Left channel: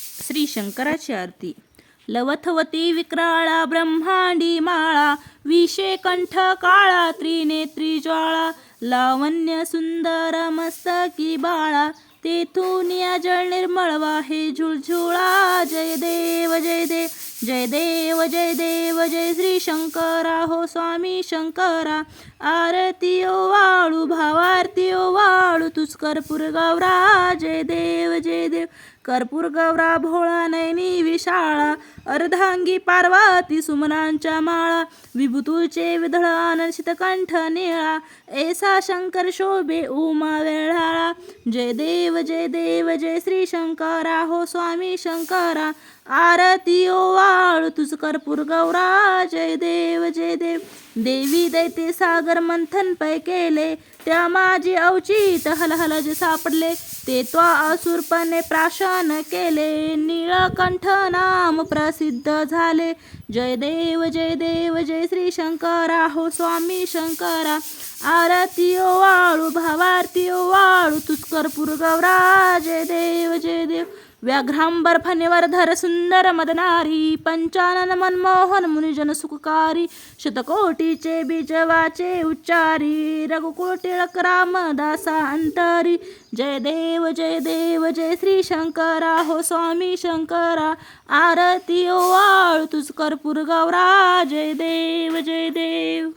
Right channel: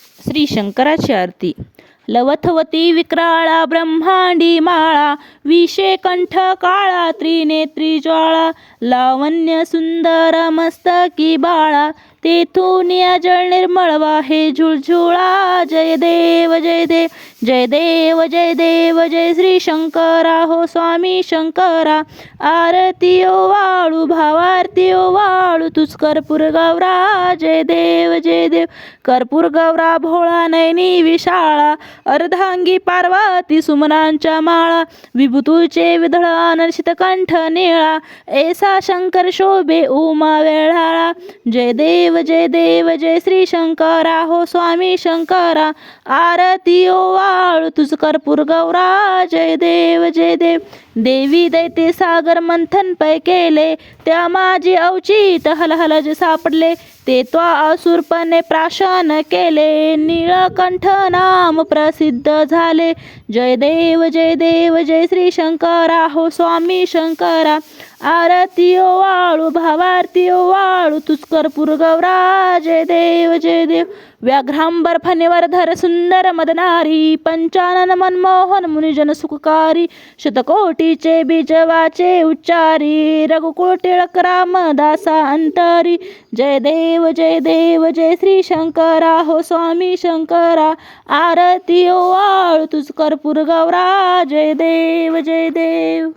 श्री शंकराची आरती. लवथवती विक्राळा ब्रह्मांडी माळा विषे कंठ काळा त्रिनेत्री ज्वाळा लावण्य सुंदर मस्तकी बाळा तेथून या जळ निर्मळ वाहे झुळझुळा जय देव जय देव जय देव जय देव जय श्री शंकरा हो स्वामी शंकरा आरती ओ वाळू भावारती ओ वाळू तुझ कर्पूर गौरा जय देव जय देव. कर्पूर गौरा भोळा नयनी विशाळा. अर्धांगी पार्वती सुमनांच्या माळा विभूतूचे विधळ अनर्शित कंठ निळा ऐसा शंकर शोभे उमा वेळाळा जय देव जय देव जय श्री शंकरा हो स्वामी शंकरा. आरती ओ वाळू तुझ कर्पूर गौरा. जय देव जय देव. देवी दैते सागर मंथन पै केले त्या माझी अवचित हलहल सापडले. ते त्वा असुरपणे प्राशन केले. निळकंठ नाम प्रसिद्ध झाले. जय देव जय देव जय श्री शंकरा हो स्वामी शंकरा. आरती ओ वाळू भावारती ओ वाळू. तुझ कर्पूर गौरा. जय देव जय देव. व्याघ्रांबर फणेवरधर सुंदर मदनारी पंचानन मनमोहन मुनिजन सुखकारी शतकोटीचे बीज वाचे उच्चारी रघुकुळ टिळक रामदासा अंतरी जय देव जय देव जय श्री शंकरा हो स्वामी शंकरा आरती ओ आळ तुझ कर्पूर गौरा जय देव जय देव